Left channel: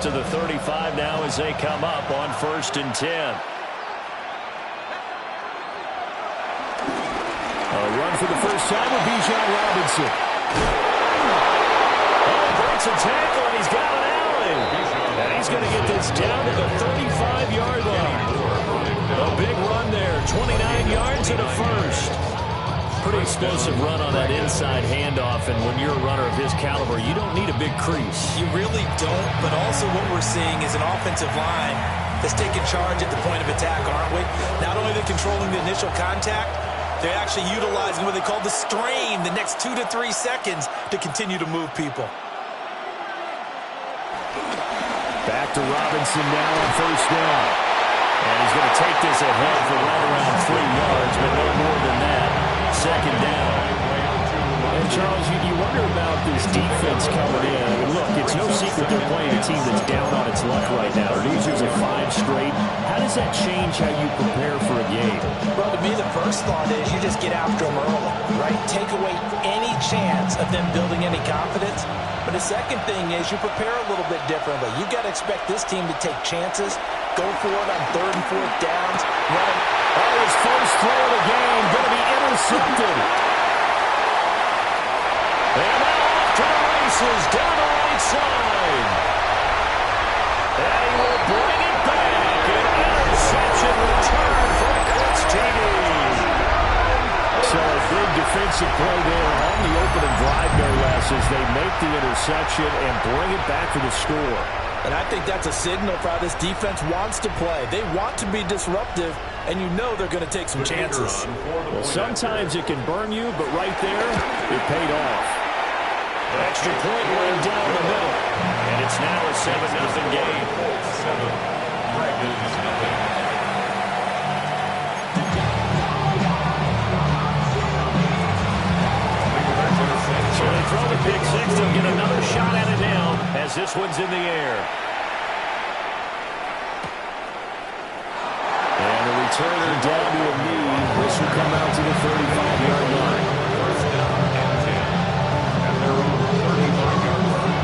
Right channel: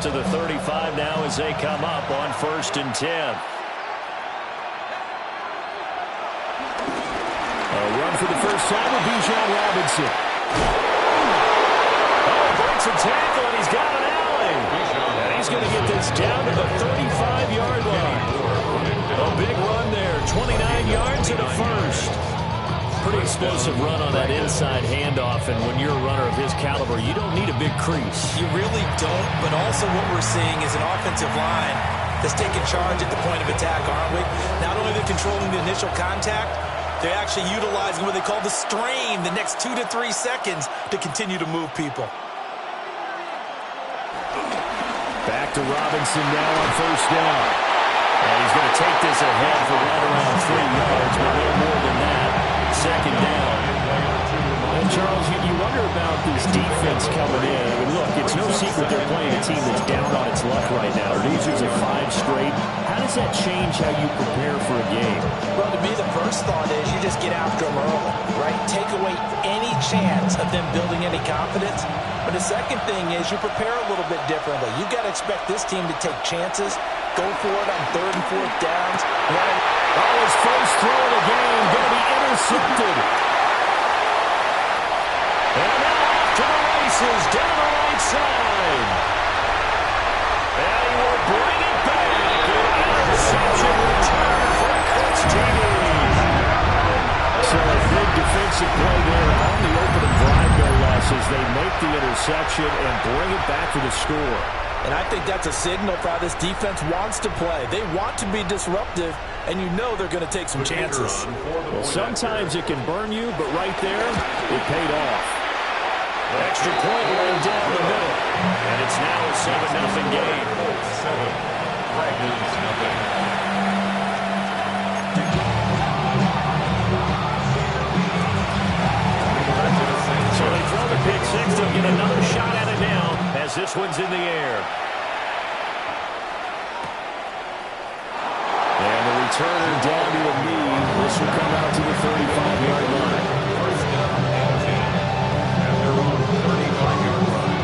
out to the 35 now as they come up on 1st and 10. A run for the first time with Bijan Robinson. Oh, breaks a tackle, and he's got an alley. And he's going to get this down to the 35-yard line. A big run there, 29 yards and a first. Pretty explosive run on that inside handoff, and when you're a runner of his caliber, you don't need a big crease. You really don't, but also what we're seeing is an offensive line that's taking charge at the point of attack, aren't we? Not only are they controlling the initial contact, they're actually utilizing what they call the strain the next 2 to 3 seconds to continue to move people. Back to Robinson now on 1st down. And he's going to take this ahead for right around 3 yards, but no more than that. 2nd down. And, Charles, you wonder about this defense coming in. I mean, look, it's no secret they're playing a team that's down on its luck right now. Losers of 5 straight. How does that change how you prepare for a game? Well, to me, the first thought is you just get after them early, right? Take away any chance of them building any confidence. But the second thing is you prepare a little bit differently. You've got to expect this team to take chances, go for it on 3rd and 4th downs. Oh, his first throw of the game going to be intercepted. And now off to the races down the right side. And he will bring it back. An interception return for a Colts TD. So a big defensive play there on the opening drive, no less, as they make the interception and bring it back for the score. And I think that's a signal for how this defense wants to play. They want to be disruptive, and you know they're going to take some chances. Well, sometimes it can burn you, but right there, it paid off. Extra point right down the middle. And it's now a 7-0 game. 7, Dragons nothing. So they throw the pick six. They'll get another shot at it now as this one's in the air. And the returner down to a knee. This will come out to the 35-yard line. 1st down and 10 at their own 35-yard line.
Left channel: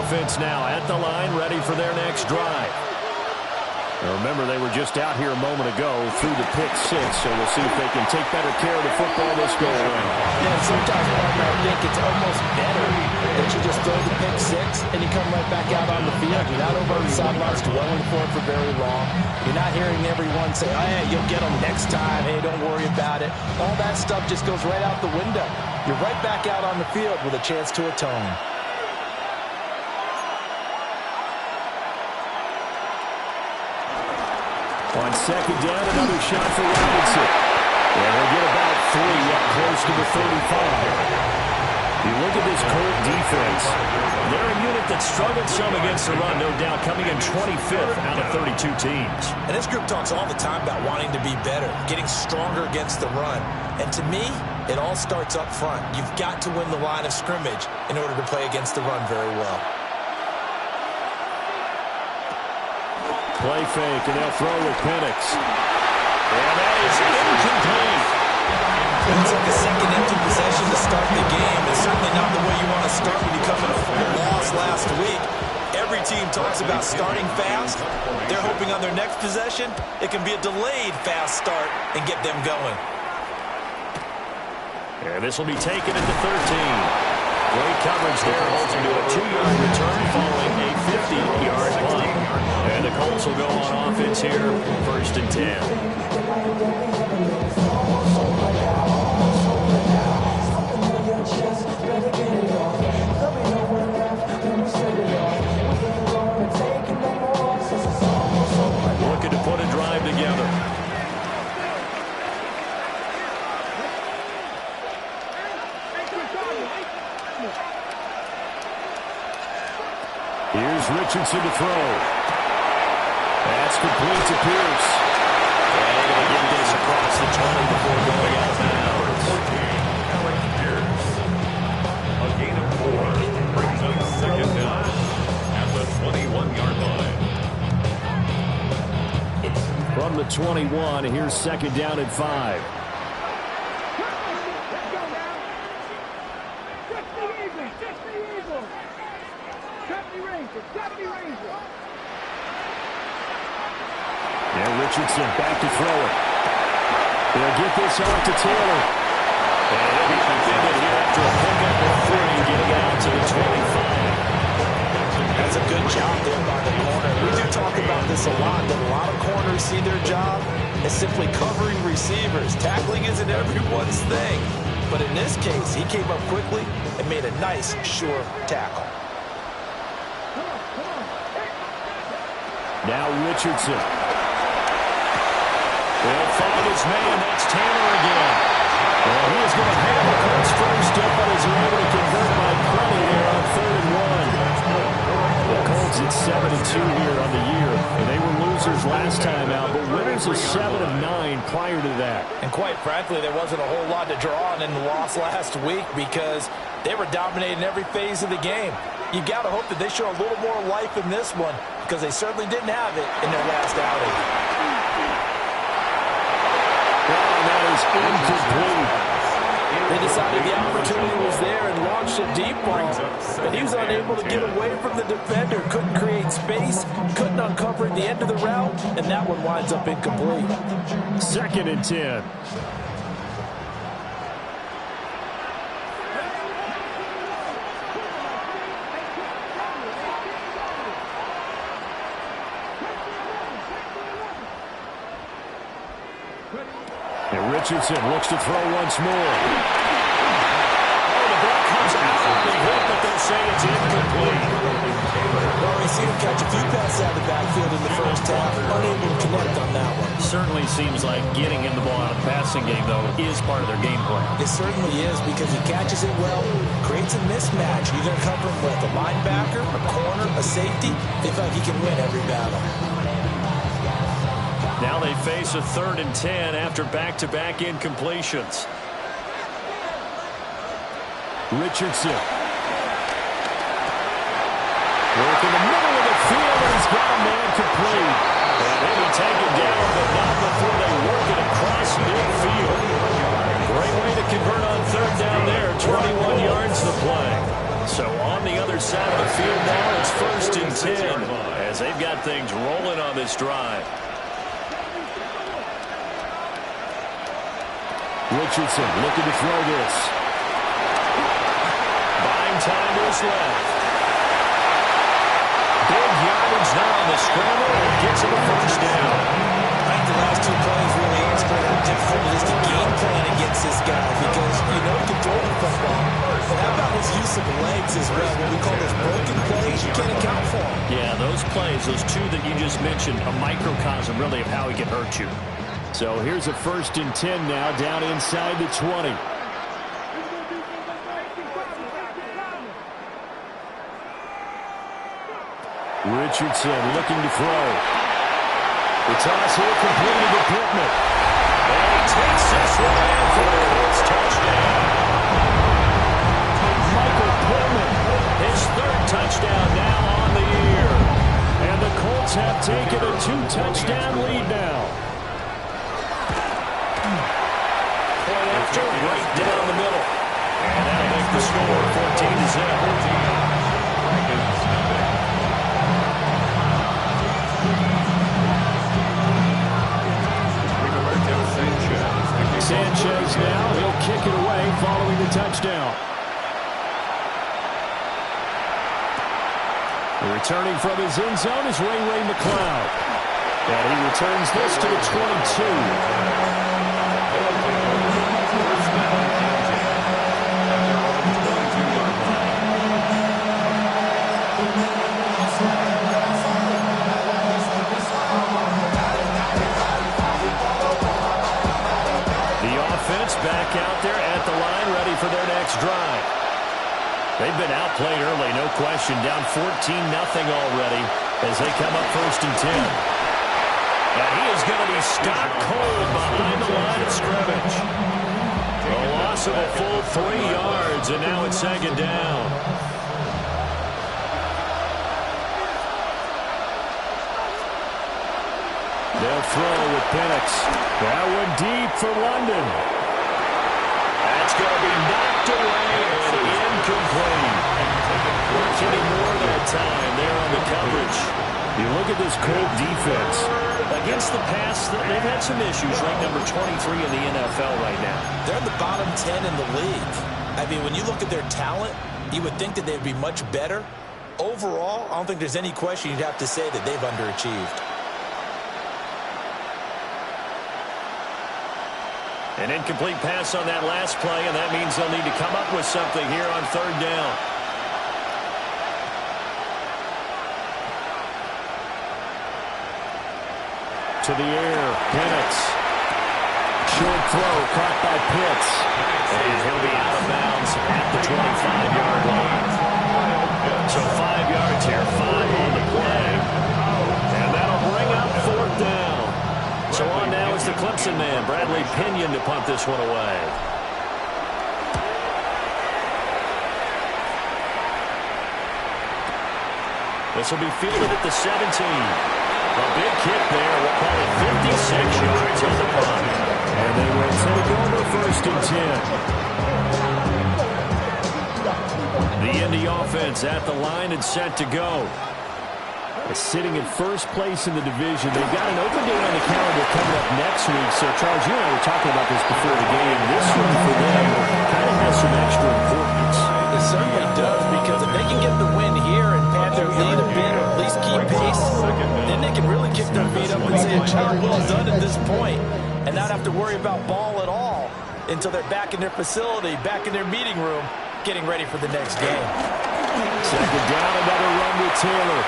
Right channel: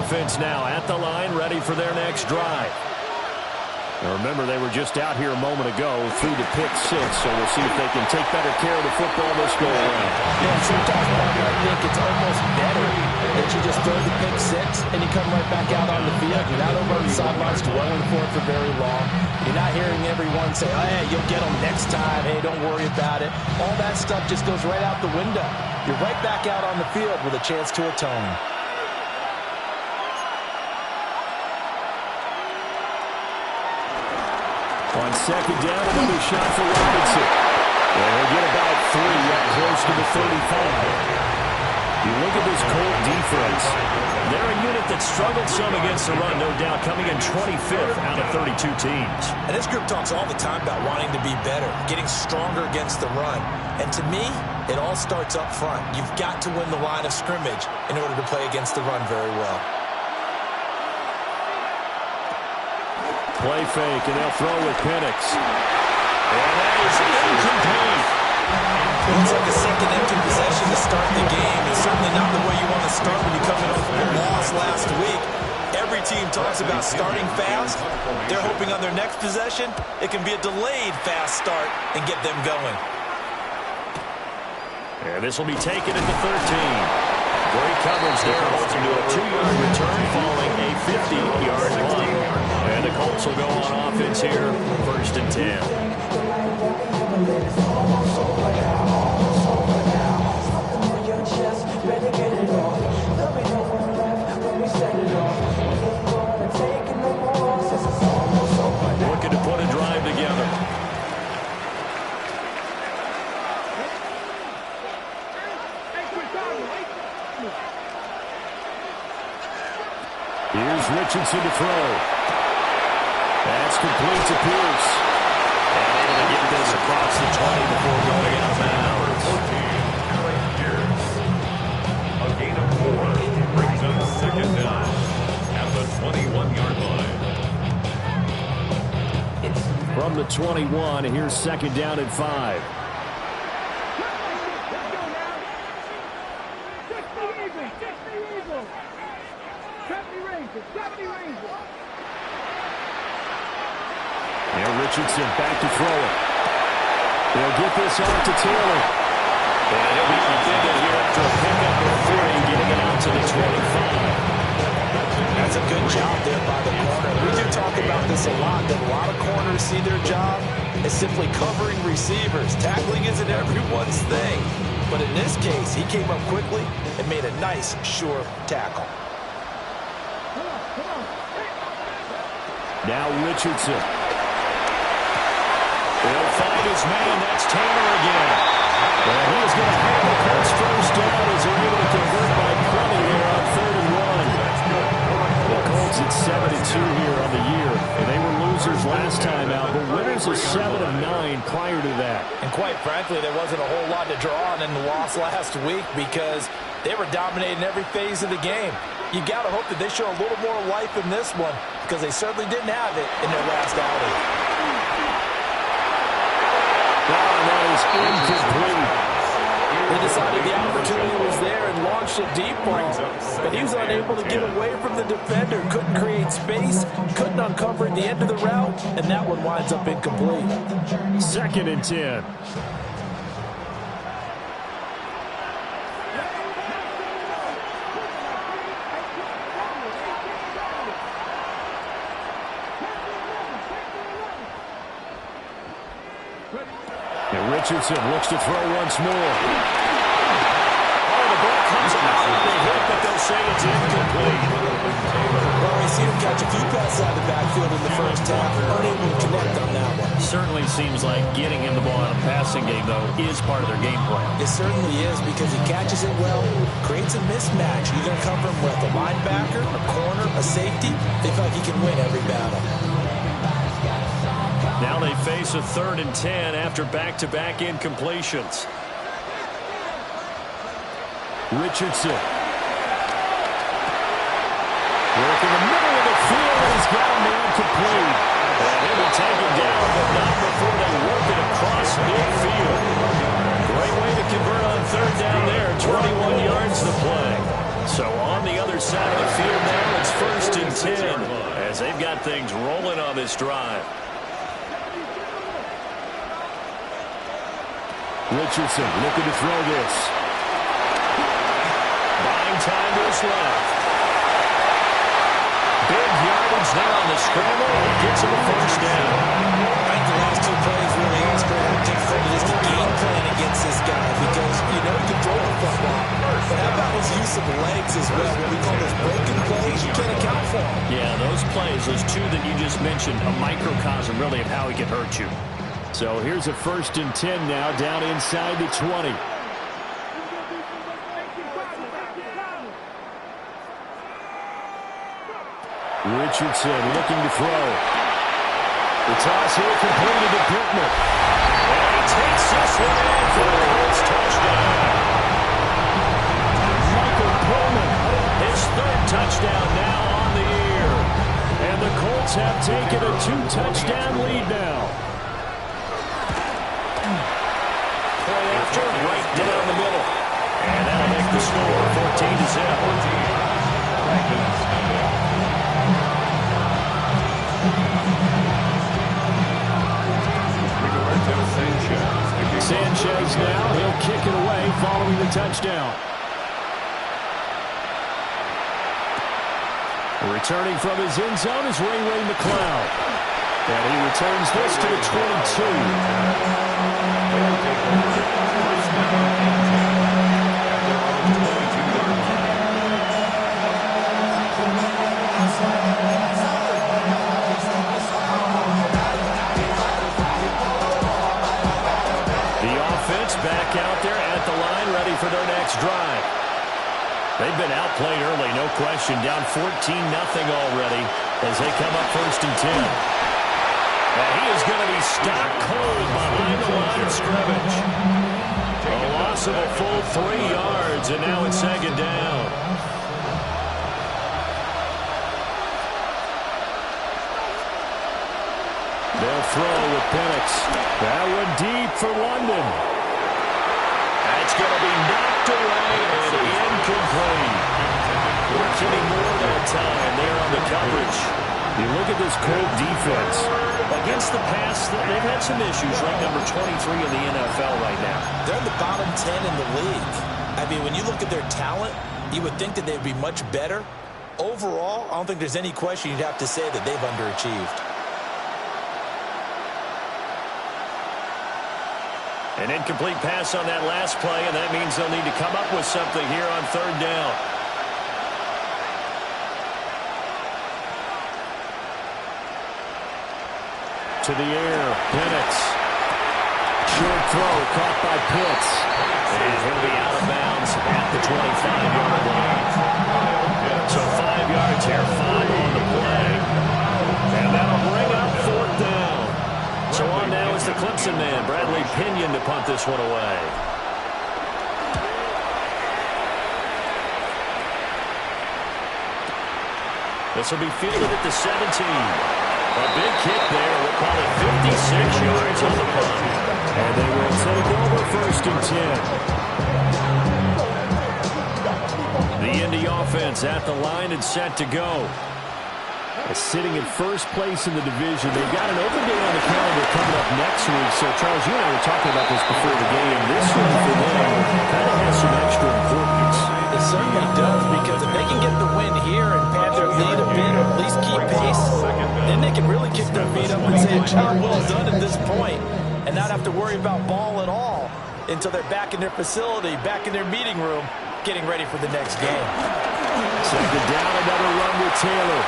Offense now at the line, ready for their next drive. Now remember, they were just out here a moment ago through the pick six, so we'll see if they can take better care of the football this go around. Yeah, and sometimes, partner, I think it's almost better that you just throw the pick six and you come right back out on the field. You're not over on the sidelines dwelling for it for very long. You're not hearing everyone say, oh, hey, you'll get them next time. Hey, don't worry about it. All that stuff just goes right out the window. You're right back out on the field with a chance to atone. On 2nd down, another shot for Robinson. And he'll get about 3 up close to the 35. You look at this Colt defense. They're a unit that struggled some against the run, no doubt, coming in 25th out of 32 teams. And this group talks all the time about wanting to be better, getting stronger against the run. And to me, it all starts up front. You've got to win the line of scrimmage in order to play against the run very well. Play fake, and they'll throw with Penix. And that is incomplete. It looks like a second empty possession to start the game. It's certainly not the way you want to start when you come in off a loss last week. Every team talks about starting fast. They're hoping on their next possession, it can be a delayed fast start and get them going. And this will be taken at the 13. Great coverage there, holds him to a 2-yard return following a 50-yard punt. And the Colts will go on offense here, 1st and 10. Looking to put a drive together. Here's Richardson to throw. That's complete to Pierce. And able to get this across the 20 before going out of bounds. 14, Alec Pierce. A gain of 4 brings up 2nd down. 21-yard line. From the 21, here's second down and 5. Now Richardson back to throw it. They'll get this off to Taylor. And he'll be upended here after a pickup of 3, getting it out to the 25. That's a good job there by the corner. We do talk about this a lot, that a lot of corners see their job as simply covering receivers. Tackling isn't everyone's thing. But in this case, he came up quickly and made a nice, sure tackle. Now Richardson. They'll find his man. That's Taylor again. And he is going to have the Colts first down as they're able to convert by plenty there on 3rd and 1. The Colts at 7-2 here on the year. And they were losers last time out, but winners of 7 of 9 prior to that. And quite frankly, there wasn't a whole lot to draw on in the loss last week because they were dominating every phase of the game. You've got to hope that they show a little more life in this one because they certainly didn't have it in their last outing. And that is incomplete. They decided the opportunity was there and launched a deep ball, but he was unable to get away from the defender, couldn't create space, couldn't uncover the end of the route, and that one winds up incomplete. 2nd and 10. And Richardson looks to throw once more. Oh, the ball comes out of the hit, but they'll say it's incomplete. Well, we see him catch a few passes out of the backfield in the first half, unable to connect on that one. Certainly seems like getting him the ball out of the passing game, though, is part of their game plan. It certainly is because he catches it well, creates a mismatch. You're going to cover him with a linebacker, a corner, a safety. They feel like he can win every battle. Now they face a 3rd and 10 after back-to-back incompletions. Richardson. Work in the middle of the field, and he's got a man complete. And he'll be taken down, but not before they work it across midfield. Great way to convert on 3rd down there. 21 yards to play. So on the other side of the field now, it's 1st and 10 as they've got things rolling on this drive. Richardson looking to throw this. Buying time to his left. Big yardage now on the scramble, and it gets him a first down. I think the last 2 plays really illustrate how difficult it is to game plan against this guy because you know he can throw the football. But how about his use of legs as well? What we call those broken plays, you can't account for them. Yeah, those plays, those 2 that you just mentioned, a microcosm really of how he can hurt you. So here's a 1st and 10 now, down inside the 20. Richardson looking to throw. The toss here completed to Pittman. And he takes this one in for the Colts touchdown. Michael Pittman, his 3rd touchdown now on the year. And the Colts have taken a 2-touchdown lead now. Point after, right down the middle. And that'll make the score 14-0. Sanchez now, he'll kick it away following the touchdown. Returning from his end zone is Ray McLeod. And he returns this to the 22. First down and 10 at their own 22-yard line. The offense back out there at the line, ready for their next drive. They've been outplayed early, no question. Down 14-0 already as they come up 1st and 10. And he is going to be stopped cold behind the line of scrimmage. A loss of a full 3 yards, and now it's 2nd down. They'll throw with Penix. That one deep for London. That's going to be knocked away and incomplete. We're getting more that time there on the coverage. You look at this Colt defense. Against the pass, they've had some issues. Ranked number 23 in the NFL right now. They're in the bottom 10 in the league. I mean, when you look at their talent, you would think that they'd be much better. Overall, I don't think there's any question you'd have to say that they've underachieved. An incomplete pass on that last play, and that means they'll need to come up with something here on third down. To the air, Penix. Short throw caught by Pitts. And he'll be out of bounds at the 25-yard line. So 5 yards here, 5 on the play. And that'll bring up fourth down. So on now is the Clemson man, Bradley Pinion, to punt this one away. This will be fielded at the 17. A big kick there. We'll call it 56 yards on the punt. And they will take over first and 10. The Indy offense at the line and set to go. Sitting in first place in the division. They've got an open day on the calendar coming up next week. So, Charles, you and I were talking about this before the game. This one for them kind of has some extra importance. It certainly does, because if they can get the win here and pad their lead a bit, or at least keep pace, then they can really kick their feet up and say a job well done at this point and not have to worry about ball at all until they're back in their facility, back in their meeting room, getting ready for the next game. Second down, another run with Taylor.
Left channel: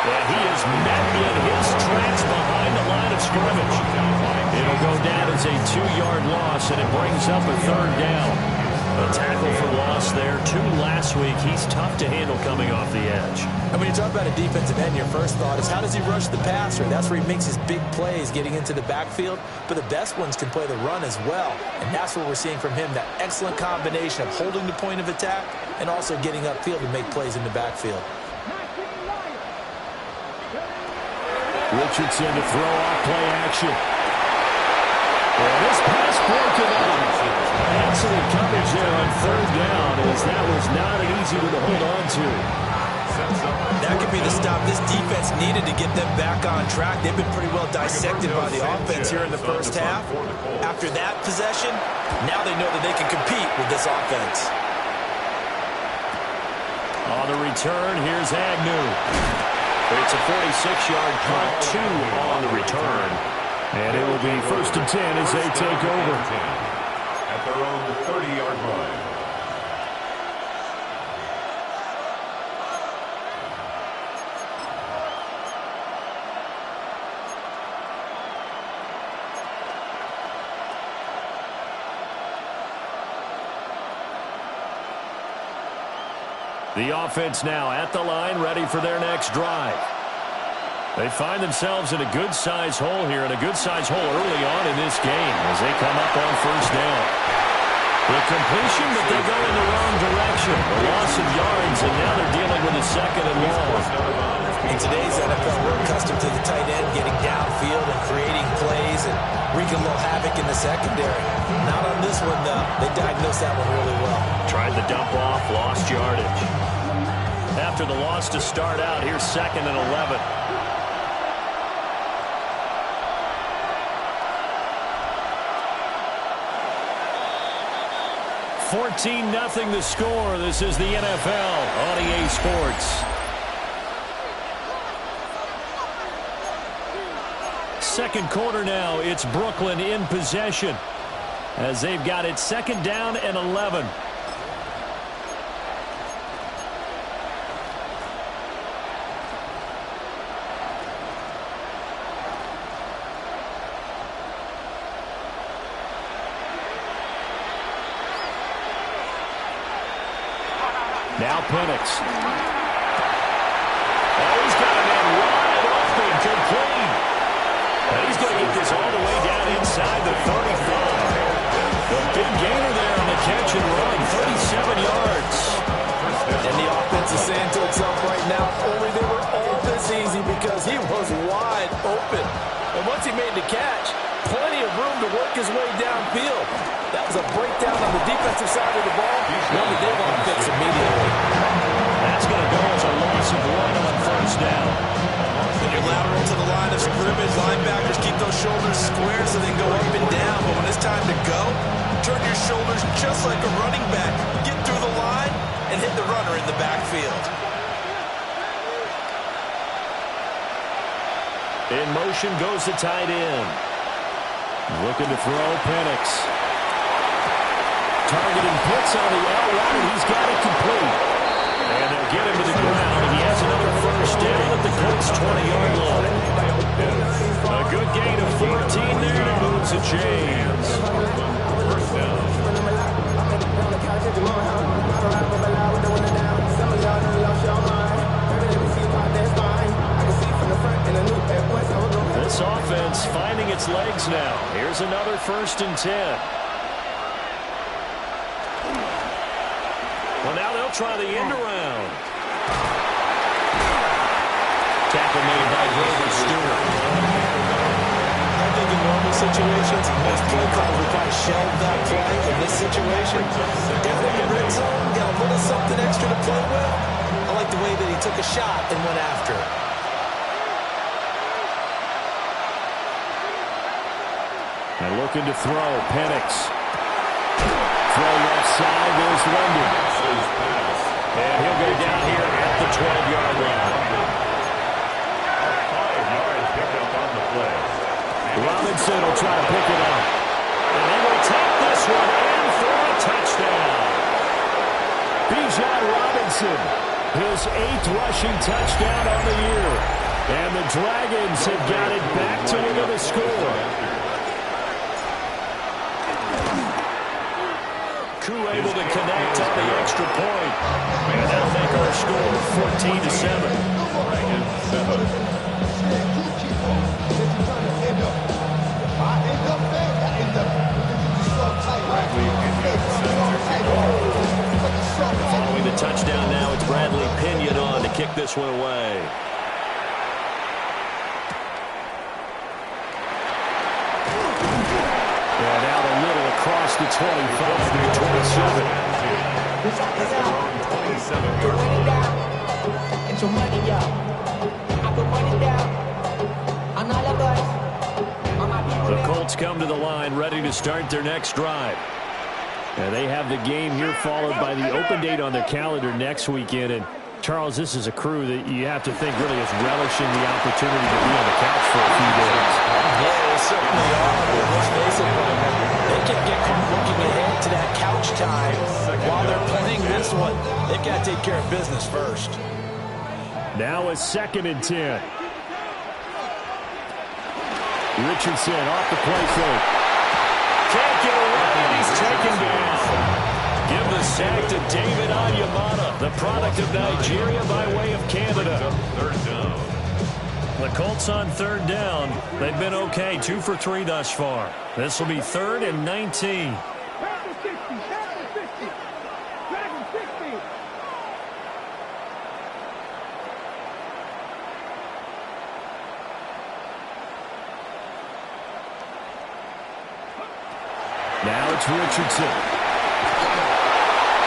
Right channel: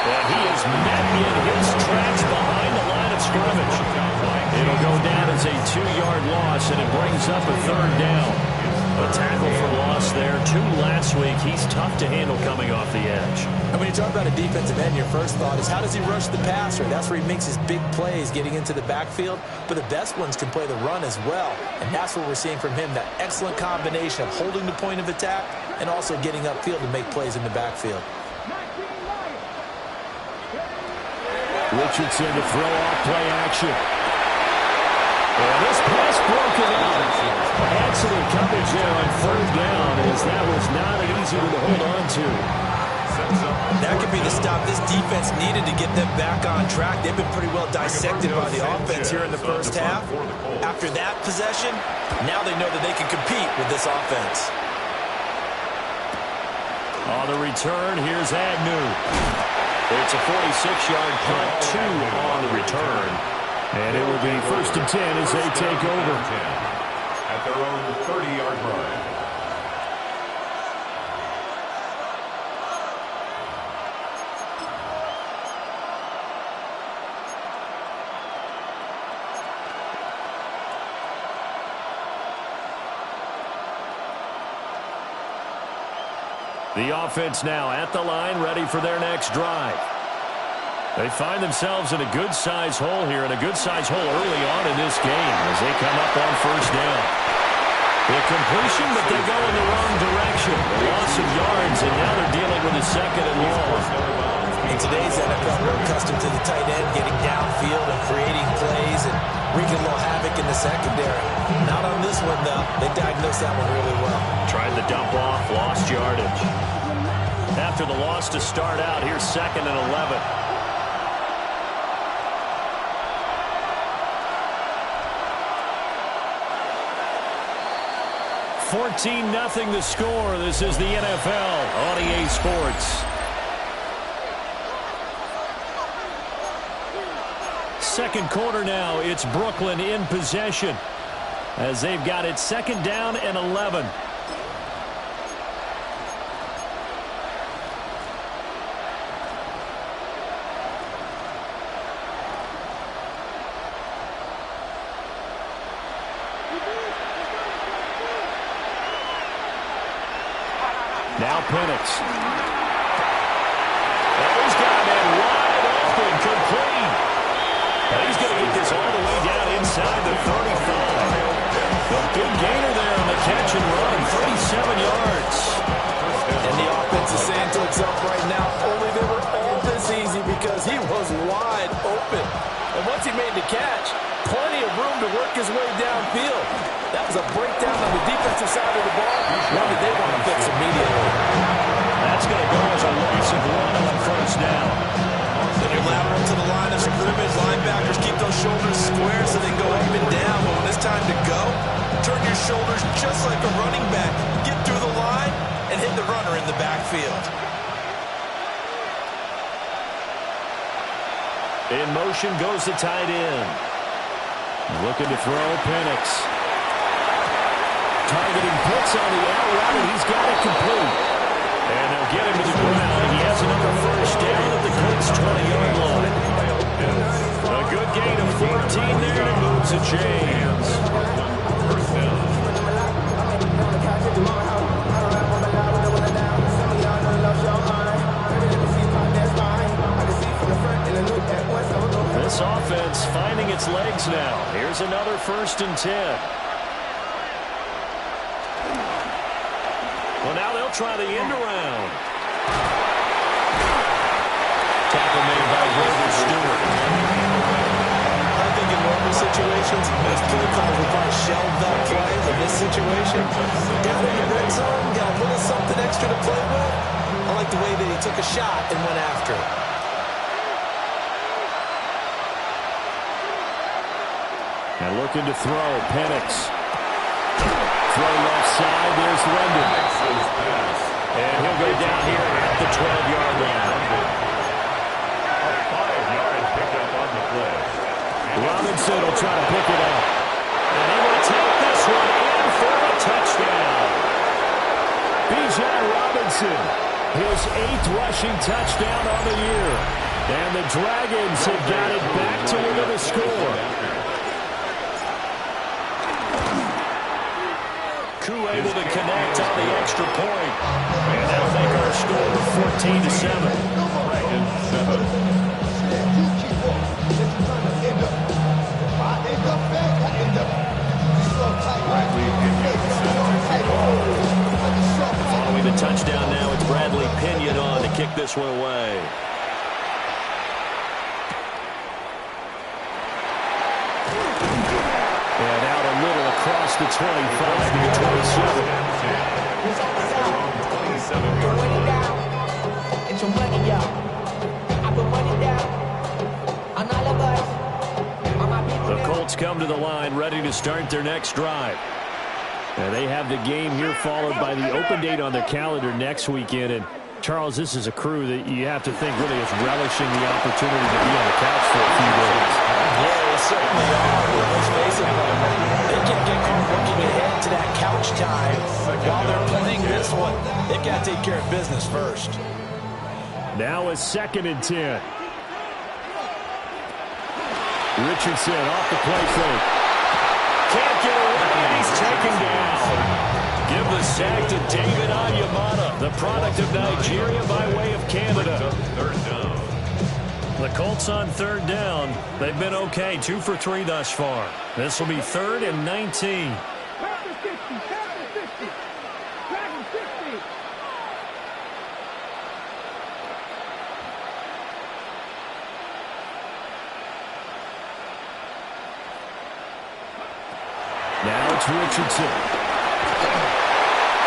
And he is met in his tracks behind the line of scrimmage. It'll go down as a 2-yard loss, and it brings up a third down. A tackle for loss there. 2 last week. He's tough to handle coming off the edge. And when you talk about a defensive end, your first thought is, how does he rush the passer? That's where he makes his big plays, getting into the backfield. But the best ones can play the run as well. And that's what we're seeing from him, that excellent combination of holding the point of attack and also getting upfield to make plays in the backfield. Richardson to throw off play action. And this pass broken up. Excellent coverage there on third down, as that was not an easy one to hold on to. That could be the stop this defense needed to get them back on track. They've been pretty well dissected by the offense here in the first half. After that possession, now they know that they can compete with this offense. On the return, here's Agnew. It's a 46-yard punt, 2 on the return. And it will be first and 10 as they take over. At their own 30-yard line. The offense now at the line, ready for their next drive. They find themselves in a good-sized hole here, and a good-sized hole early on in this game as they come up on first down. The completion, but they go in the wrong direction. A loss of yards, and now they're dealing with a second and long. In today's NFL, we're accustomed to the tight end getting downfield and creating plays and wreaking a little havoc in the secondary. Not on this one, though. They diagnosed that one really well. Tried the dump off, lost yardage. After the loss to start out, here's 2nd and 11. $14-0 the score. This is the NFL on EA Sports. Second quarter now. It's Brooklyn in possession as they've got it 2nd down and 11. Now Penix. Oh, he's got a man wide open, complete. And he's going to get this all the way down inside the 35. The big gainer there on the catch and run, 37 yards. And the offense is saying to itself right now, only they were all this easy because he was wide open. And he made the catch, plenty of room to work his way downfield. That was a breakdown on the defensive side of the ball, one that they want to fix immediately. That's going to go as a loss of 1 on first down. When you're lateral to the line of scrimmage, linebackers keep those shoulders square so they can go up and down. But when it's time to go, turn your shoulders just like a running back. Get through the line and hit the runner in the backfield. In motion goes the tight end. Looking to throw, Penix. Targeting Pitts on the out route, and he's got it complete. And they'll get him to the ground, and he has another first down at the Colts' 20-yard line. A good gain of 14 there, and moves the chains. First down. This offense finding its legs now. Here's another 1st and 10. Well, now they'll try the end around. Tackle made by Grover Stewart. I think in normal situations, most play calls would probably shelve that play. In this situation, down in the red zone, got a little something extra to play with. I like the way that he took a shot and went after it. And looking to throw, Penix. Throw left side, there's London. And he'll go down here at the 12-yard line. 5 yards picked up on the play. Robinson will try to pick it up. And he will take this one in for a touchdown. Bijan Robinson, his 8th rushing touchdown on the year. And the Dragons have got it back to within a score. Koo able to connect on the extra point. And that'll make our score 14-7. Dragons 7. Following the touchdown now, it's Bradley Pinion on to kick this one away. And out a little across the 25 to the 27. It's your money, y'all. I put money down on all of us. The Colts come to the line ready to start their next drive. And they have the game here followed by the open date on their calendar next weekend. And Charles, this is a crew that you have to think really is relishing the opportunity to be on the couch for a few days. Yeah, they certainly are. But let's face it, they can't get caught looking ahead to that couch time while they're playing this one. They've got to take care of business first. Now a 2nd and 10. Richardson off the play fake. Can't get away, and he's taken down. Give the sack to David Onyemata, the product of Nigeria by way of Canada. 3rd down. The Colts on 3rd down. They've been okay, 2 for 3 thus far. This will be 3rd and 19. Now it's Richardson.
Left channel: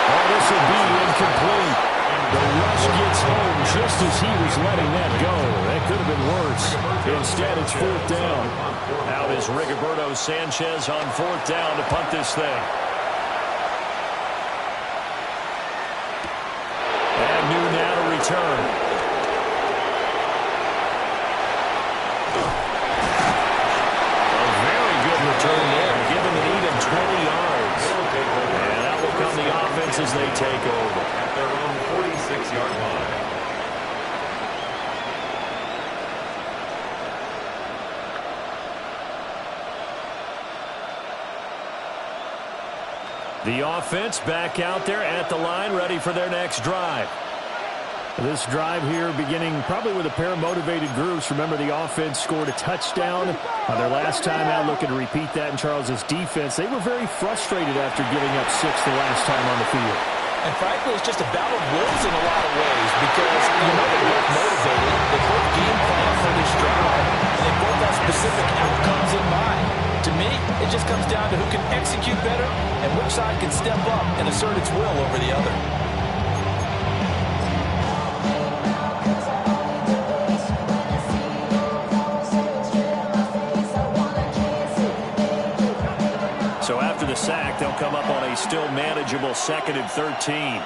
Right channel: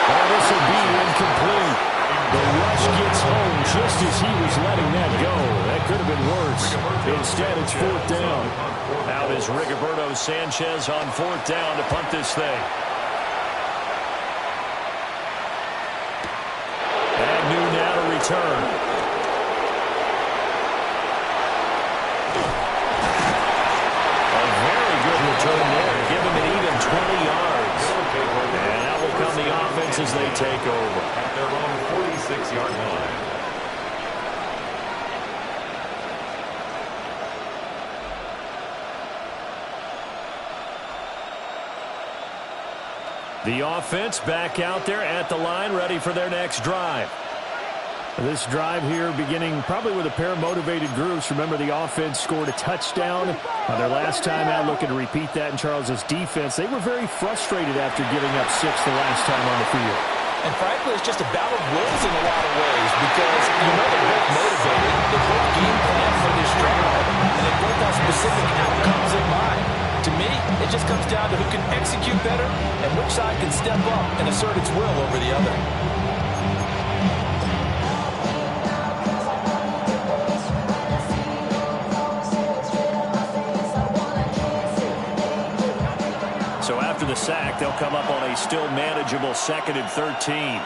Oh, this will be incomplete. The rush gets home just as he was letting that go. That could have been worse. Instead, it's 4th down. Out is Rigoberto Sanchez on 4th down to punt this thing. Agnew now to return. Return there, give him an even 20 yards. And that will come the offense as they take over. At their own 46-yard line. The offense back out there at the line, ready for their next drive. This drive here beginning probably with a pair of motivated groups. Remember, the offense scored a touchdown on their last time out, looking to repeat that in Charles's defense. They were very frustrated after giving up 6 the last time on the field. And frankly, it's just a battle of wills in a lot of ways because, you know, they're both motivated. They both game plan for this drive, and they both have specific outcomes in mind. To me, it just comes down to who can execute better and which side can step up and assert its will over the other. So after the sack, they'll come up on a still manageable 2nd and 13.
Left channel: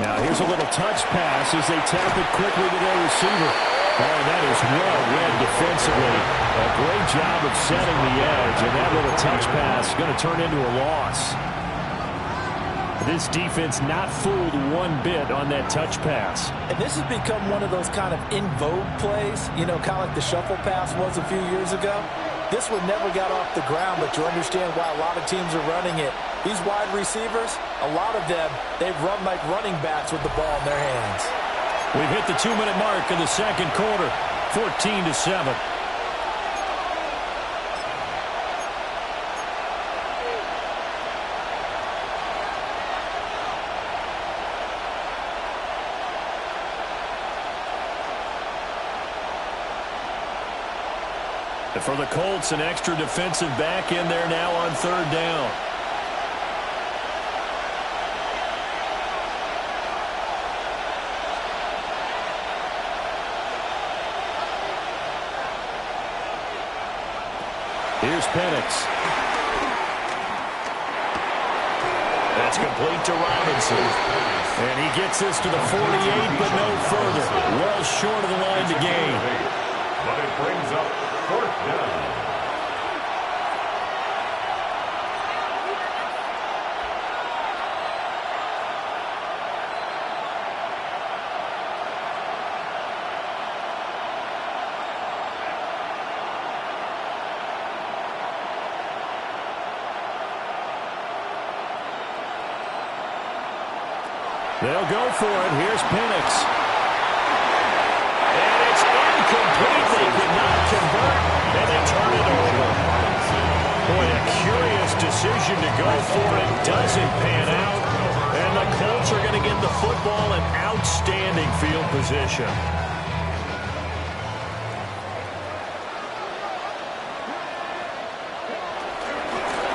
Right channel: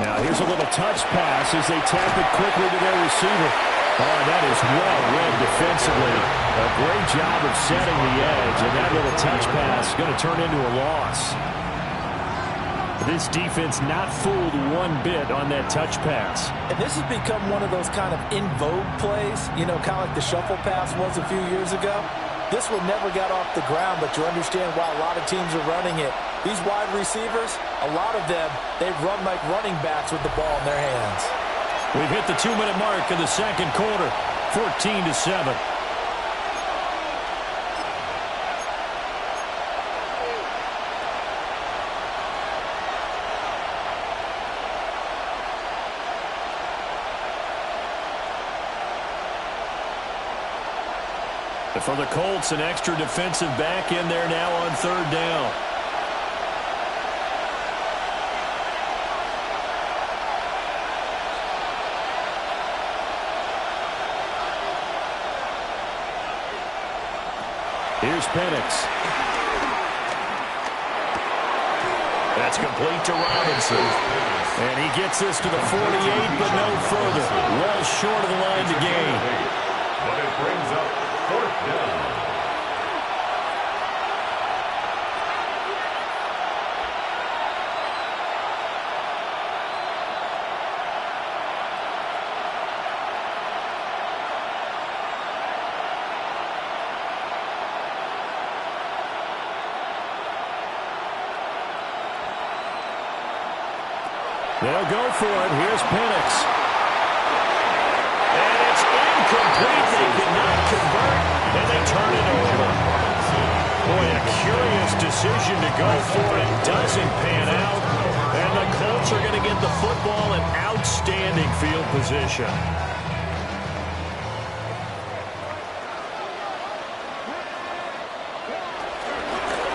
Now here's a little touch pass as they tap it quickly to their receiver. Oh, that is well read defensively. A great job of setting the edge, and that little touch pass is going to turn into a loss. This defense not fooled one bit on that touch pass. And this has become one of those kind of in vogue plays, you know, kind of like the shuffle pass was a few years ago. This one never got off the ground, but you understand why a lot of teams are running it. These wide receivers, a lot of them, they run like running backs with the ball in their hands. We've hit the 2-minute mark in the second quarter, 14-7. For the Colts, an extra defensive back in there now on 3rd down. Here's Penix. That's complete to Robinson. And he gets this to the 48, but no further. Well short of the line to gain. But it brings up 4th down. They'll go for it. Here's Penix. And it's incomplete. They cannot convert, and they turn it over. Boy, a curious decision to go for it. Doesn't pan out. And the Colts are going to get the football in outstanding field position.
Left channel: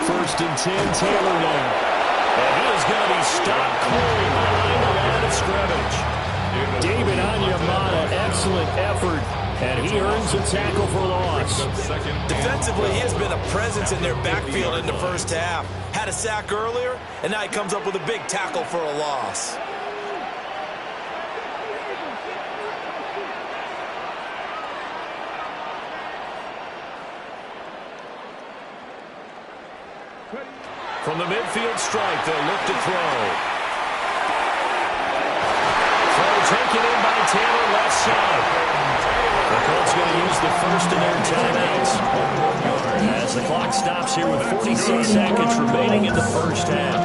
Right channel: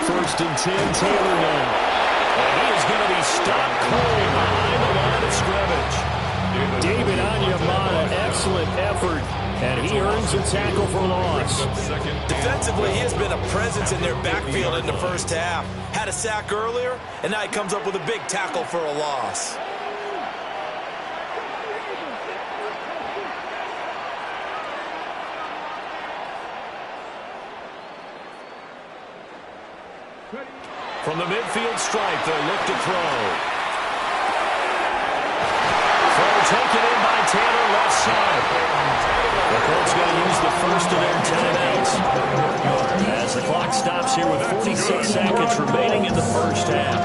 First and 10, Taylor now. And he is going to be stopped cold behind the line of scrimmage. David Onyemata, excellent effort, and he earns a tackle for loss. Defensively, he has been a presence in their backfield in the first half. Had a sack earlier, and now he comes up with a big tackle for a loss. From the midfield stripe, they'll look to throw. Throw taken in by Taylor, left side. The Colts going to use the first of their timeouts as the clock stops here with 46 seconds remaining in the first half.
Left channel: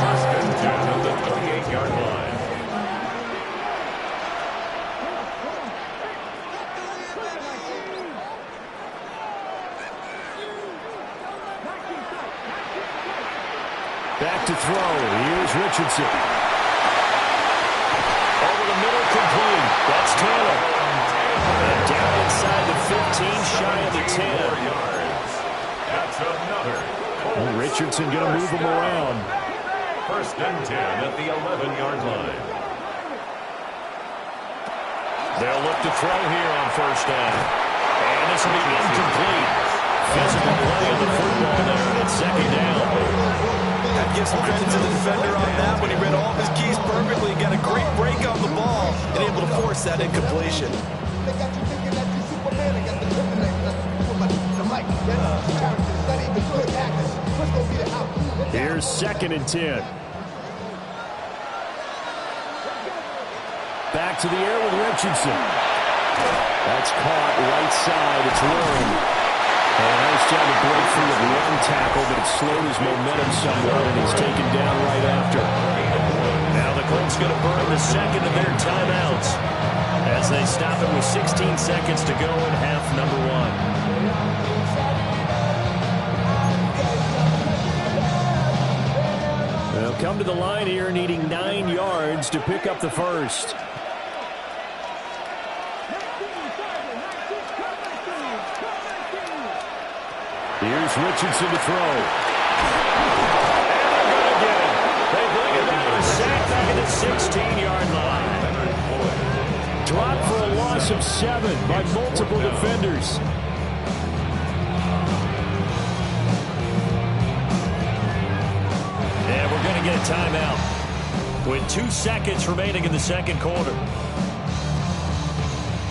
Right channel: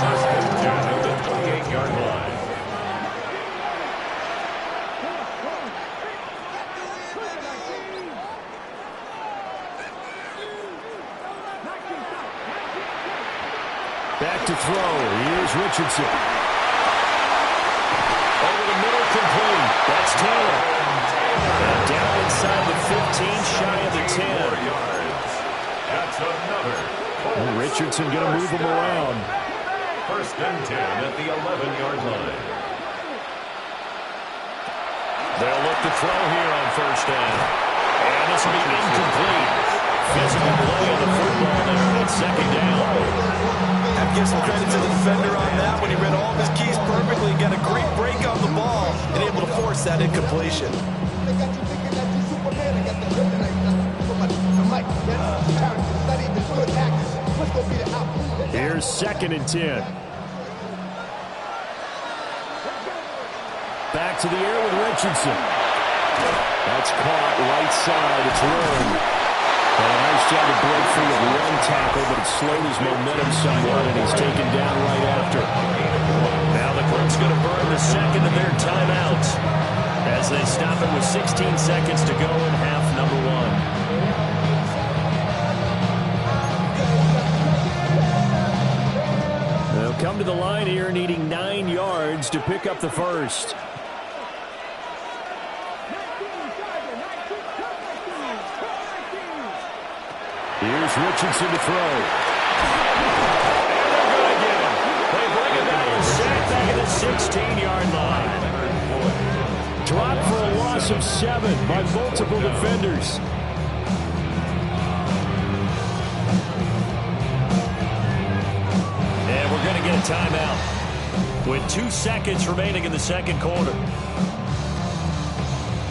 1st and 10 at the 28-yard line. Back to throw. Here's Richardson. Over the middle, complete. That's Taylor. And down inside the 15, shy of the 10. 4 yards. That's another. Well, Richardson going to move him around. 1st and 10 at the 11-yard line. They'll look to throw here on 1st down. And this will be incomplete. Physical play on the football there at 2nd down. Have to give some credit to the defender on that when he read all of his keys perfectly. Got a great break on the ball and able to force that incompletion. They got you thinking that you Superman. I got the kryptonite. The mic. That's characters. Not even good actors. Let's go beat it out. Here's 2nd and 10. Back to the air with Richardson. That's caught right side. It's Warren. And a nice job to break free of one tackle, but it slowed his momentum somewhat, and he's taken down right after. Now the Colts going to burn the second of their timeouts as as they stop it with 16 seconds to go in half number one. They'll come to the line here needing 9 yards to pick up the first. Here's Richardson to throw. And they're going to get him. They bring him down to sack back at the 16-yard line. Dropped for a loss of 7 by multiple defenders. And we're going to get a timeout with 2 seconds remaining in the second quarter.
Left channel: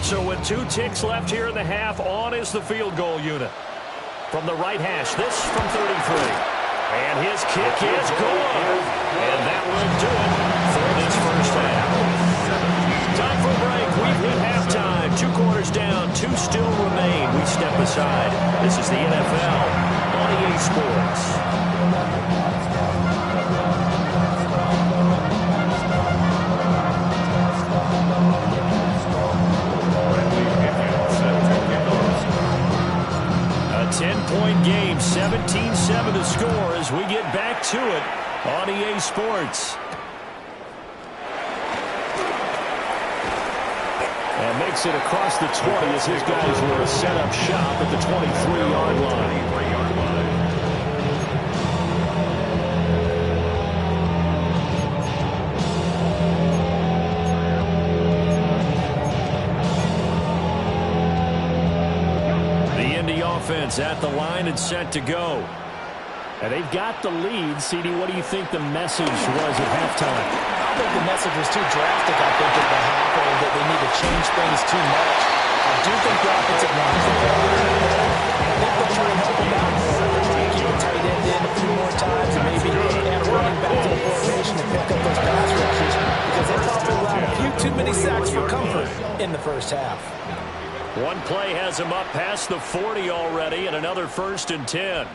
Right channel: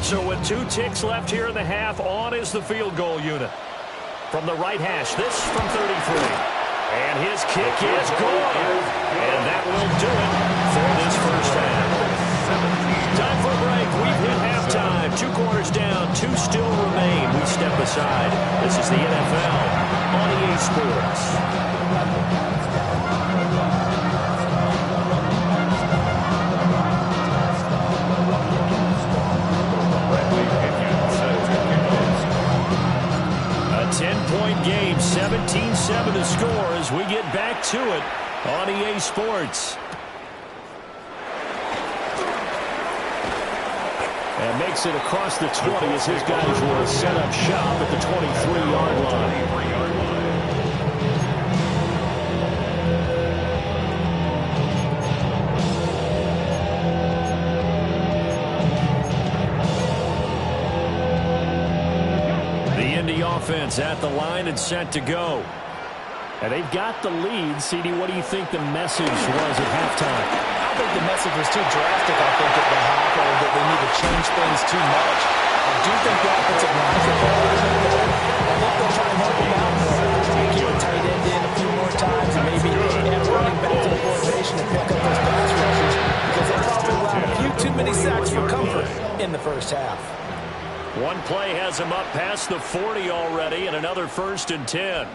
So with 2 ticks left here in the half, on is the field goal unit. From the right hash, this from 33. And his kick is gone. And that will do it for this first half. Time for a break. We've hit halftime. 2 quarters down, 2 still remain. We step aside. This is the NFL on EA Sports. A 10-point game, 17-7 the score as we get back to it on EA Sports. And makes it across the 20 as his guys will set up shop at the 23-yard line. Offense at the line and set to go. And they've got the lead. CD, what do you think the message was at halftime? I don't think the message was too drastic, I think, at the half, or that they need to change things too much. I do think the offensive line is better. I think they'll try and help him out more. They'll try and keep a tight end in a few more times and maybe add a running back to the formation and pick up those pass rushers because they probably allowed a few too many sacks for comfort in the first half. One play has him up past the 40 already, and another 1st and 10.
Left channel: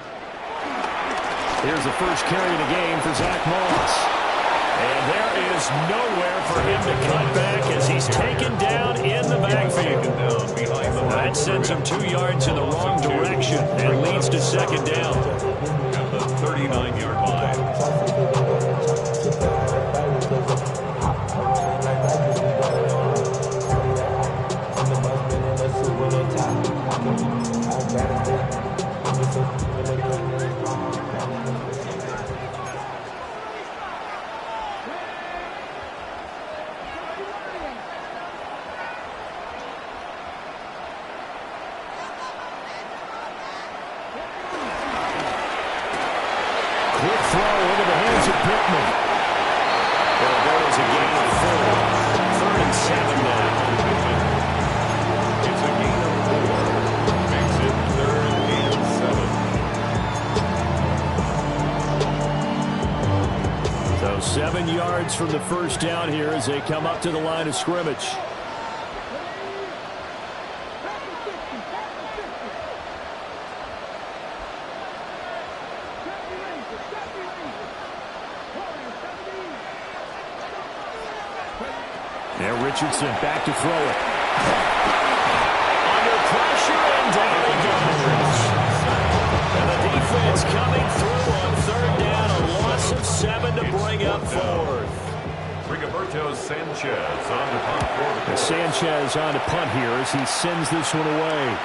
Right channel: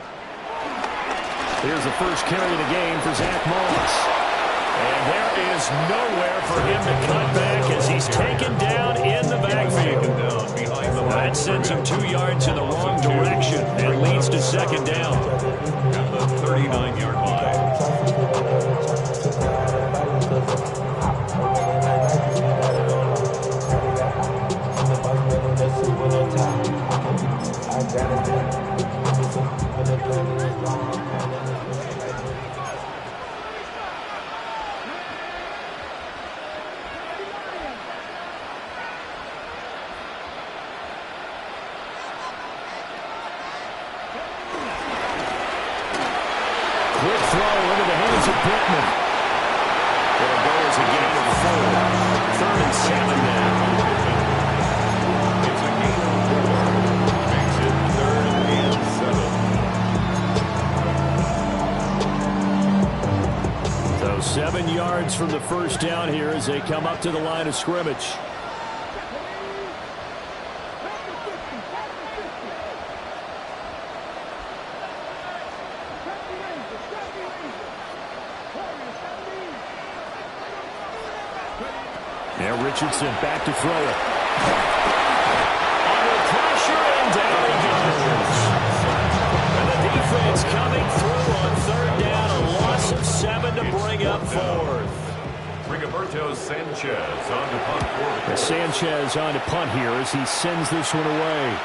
Here's the first carry of the game for Zach Moss. And there is nowhere for him to cut back as he's taken down in the backfield. That sends him 2 yards in the wrong direction and leads to second down. At the 39-yard line. Quick throw into the hands of Pittman. It'll go as a gain of 4. 3rd and 7 now. It's a gain of 4. Makes it 3rd and 7. So 7 yards from the first down here as they come up to the line of scrimmage. Now Richardson back to throw it. Under pressure, and down he goes. And the defense coming through on 3rd down. A loss of 7 to bring up 4th. Rigoberto Sanchez on to punt for the Sanchez on to punt here as he sends this one away.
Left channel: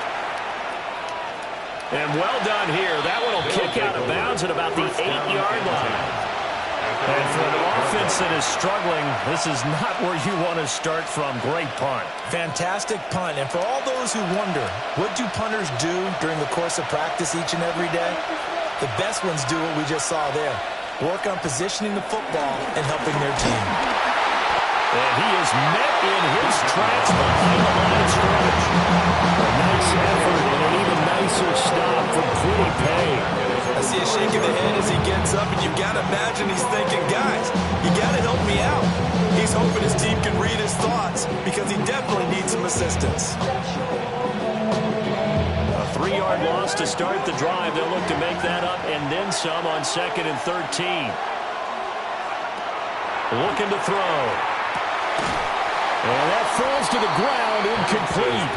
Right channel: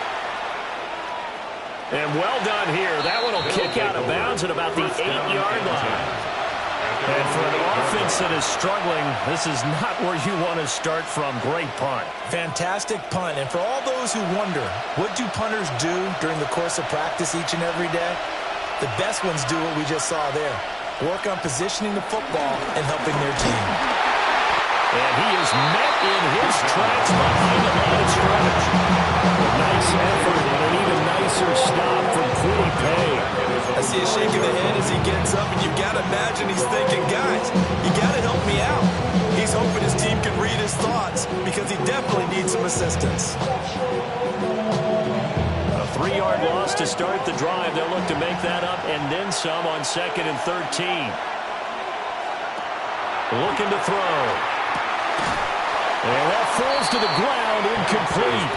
And well done here. That one will kick out of bounds at about the 8-yard line. And for an offense that is struggling, this is not where you want to start from. Great punt. Fantastic punt. And for all those who wonder, what do punters do during the course of practice each and every day? The best ones do what we just saw there. Work on positioning the football and helping their team. And he is met in his tracks behind the line of scrimmage. A nice effort and an even nicer stop from Kwity Paye. I see a shake of the head as he gets up, and you've got to imagine he's thinking, guys, you got to help me out. He's hoping his team can read his thoughts because he definitely needs some assistance. A 3-yard loss to start the drive. They'll look to make that up and then some on 2nd and 13. Looking to throw. And that falls to the ground, incomplete.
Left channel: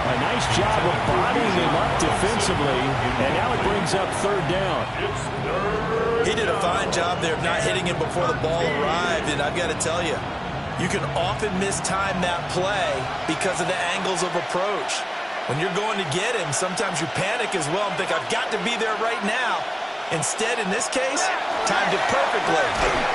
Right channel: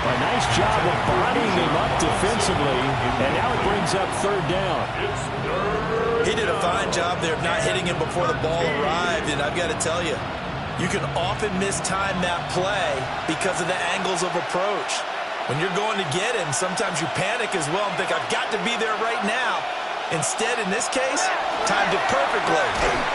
A nice job of bodying him up defensively, and now it brings up third down. He did a fine job there of not hitting him before the ball arrived, and I've got to tell you, you can often mistime that play because of the angles of approach. When you're going to get him, sometimes you panic as well and think, I've got to be there right now. Instead, in this case, timed it perfectly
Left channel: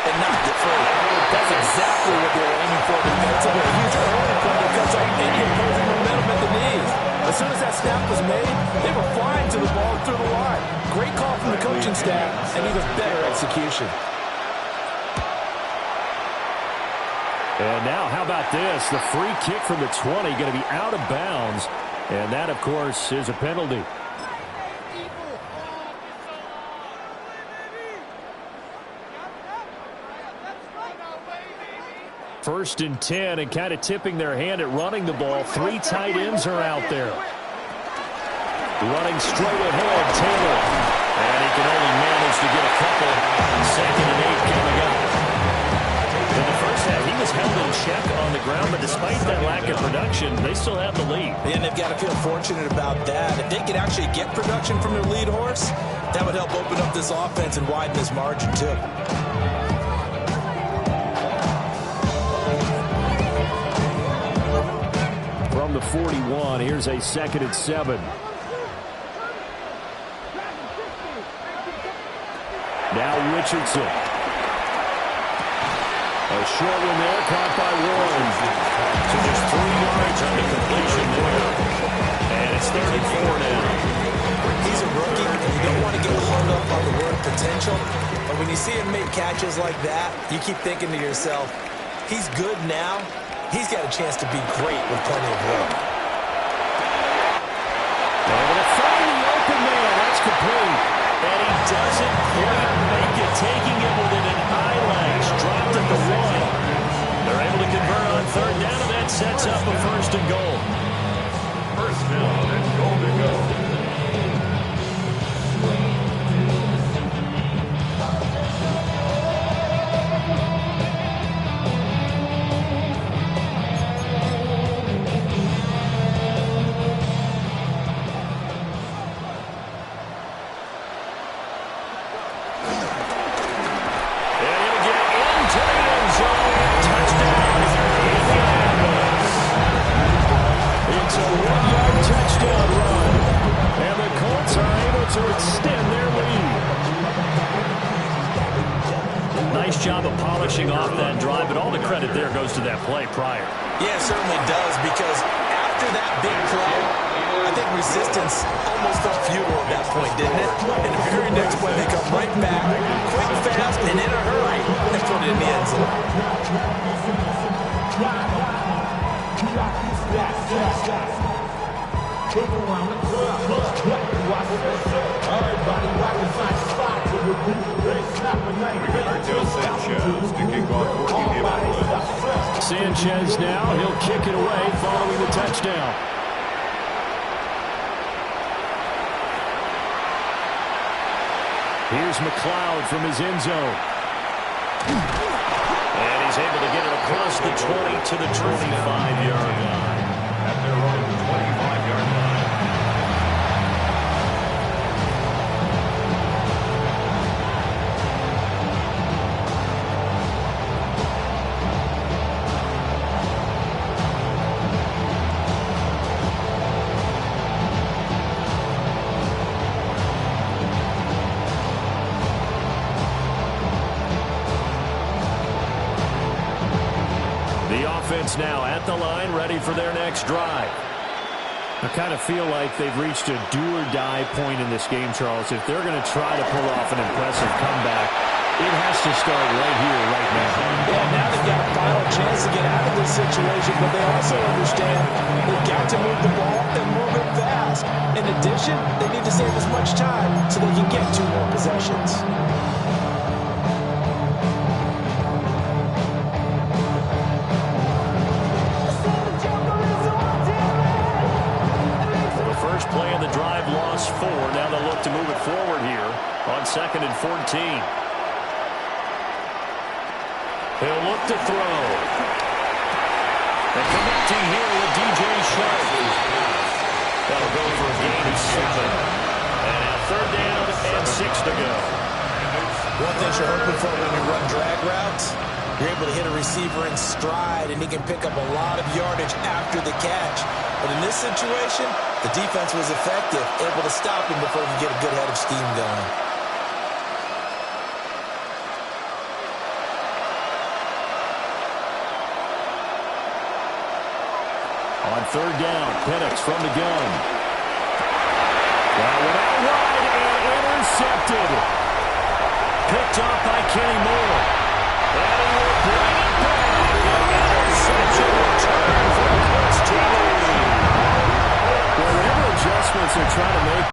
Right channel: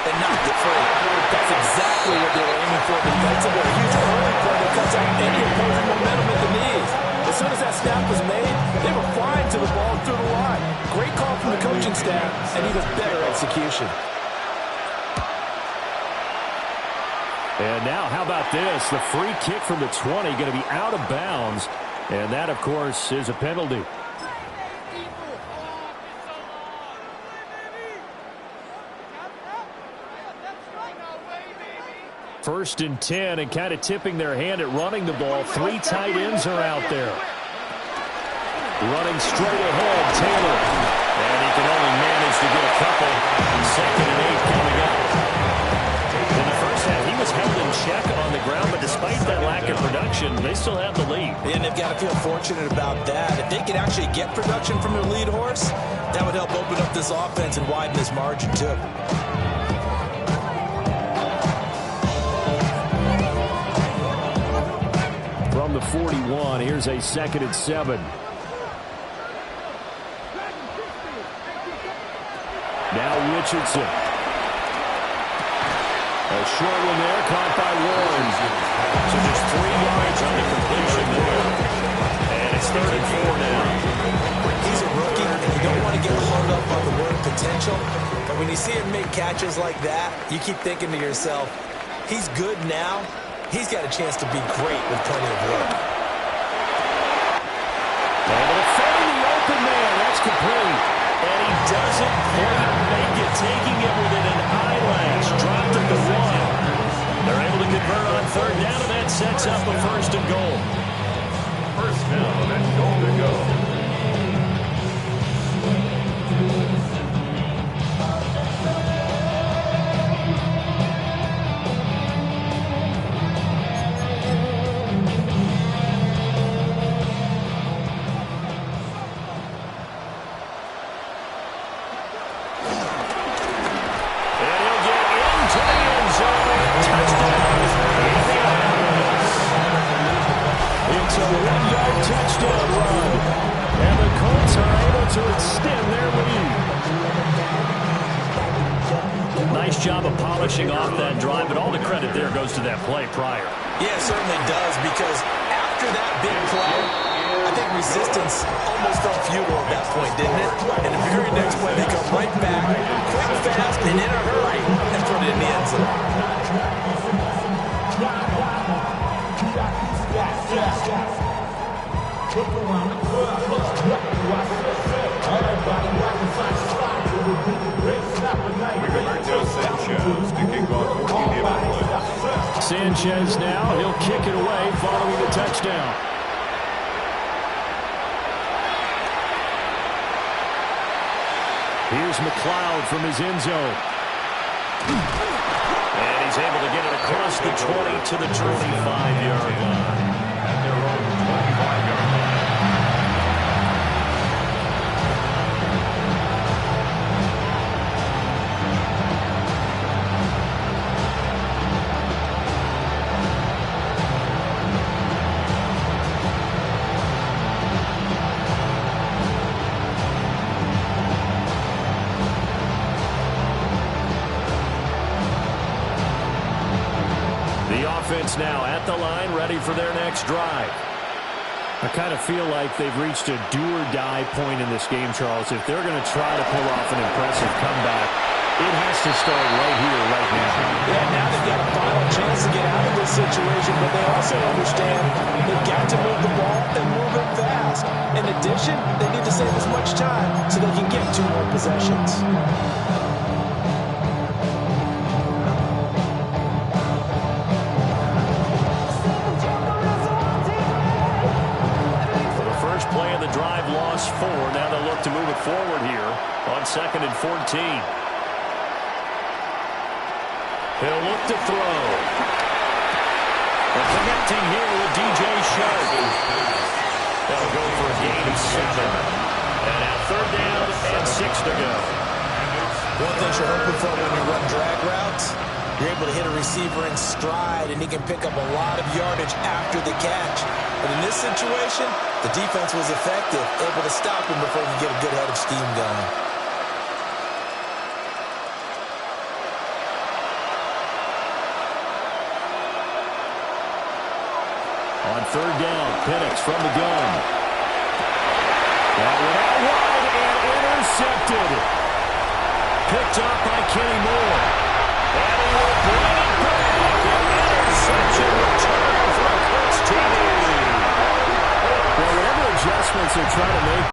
and knocked it free. That's exactly what they were aiming for defensively. A huge early play that cuts out any opposing momentum at the knees. As soon as that snap was made, they were flying to the ball through the line. Great call from the coaching staff and even better execution. And now, how about this? The free kick from the 20 going to be out of bounds. And that, of course, is a penalty. First and 10, and kind of tipping their hand at running the ball. Three tight ends are out there. Running straight ahead, Taylor. And he can only manage to get a couple. 2nd and 8 coming up. In the first half, he was held in check on the ground, but despite that lack of production, they still have the lead. And they've got to feel fortunate about that. If they could actually get production from their lead horse, that would help open up this offense and widen this margin, too. From the 41, here's a 2nd and 7. Now Richardson. A short one there, caught by Warren. So just 3 yards on the completion there. And it's 3rd and 4 now. He's a rookie, and you don't want to get hung up on the word potential. But when you see him make catches like that, you keep thinking to yourself, he's good now. He's got a chance to be great with plenty of work. Able to find the open man. That's complete. And he doesn't quite make it, taking it within an eyelash. Dropped at the 1. They're able to convert on 3rd down, and that sets up a 1st and goal. 1st down and goal to go. It's a 1-yard touchdown run. And the Colts are able to extend their lead. Nice job of polishing off that drive, but all the credit there goes to that play prior. Yeah, it certainly does, because after that big play, I think resistance almost felt futile at that point, didn't it? And the very next play, they come right back, quick, fast, and in a hurry, and put it in the end zone. We convert to Sanchez to kick off 14 play. Sanchez now, he'll kick it away following the touchdown. Here's McLeod from his end zone. And he's able to get it across the 20 to the 25-yard line. At their own 25-yard line. Offense now at the line, ready for their next drive. I kind of feel like they've reached a do-or-die point in this game, Charles. If they're going to try to pull off an impressive comeback, it has to start right here, right now. Yeah, now they've got a final chance to get out of this situation, but they also understand they've got to move the ball and move it fast. In addition, they need to save as much time so they can get 2 more possessions. Play of the drive, lost 4. Now they'll look to move it forward here on 2nd and 14. He'll look to throw. And connecting here with DJ Sharp. That'll go for a gain of 7. And now 3rd down and 6 to go. One thing you're hoping for when you run drag routes, you're able to hit a receiver in stride, and he can pick up a lot of yardage after the catch. But in this situation, the defense was effective, able to stop him before he could get a good head of steam going. On 3rd down, Penix from the gun. That went out wide and intercepted. Picked up by Kenny Moore. And he will bring it back. An interception return for the Colts TV. Well, whatever adjustments they're trying to make.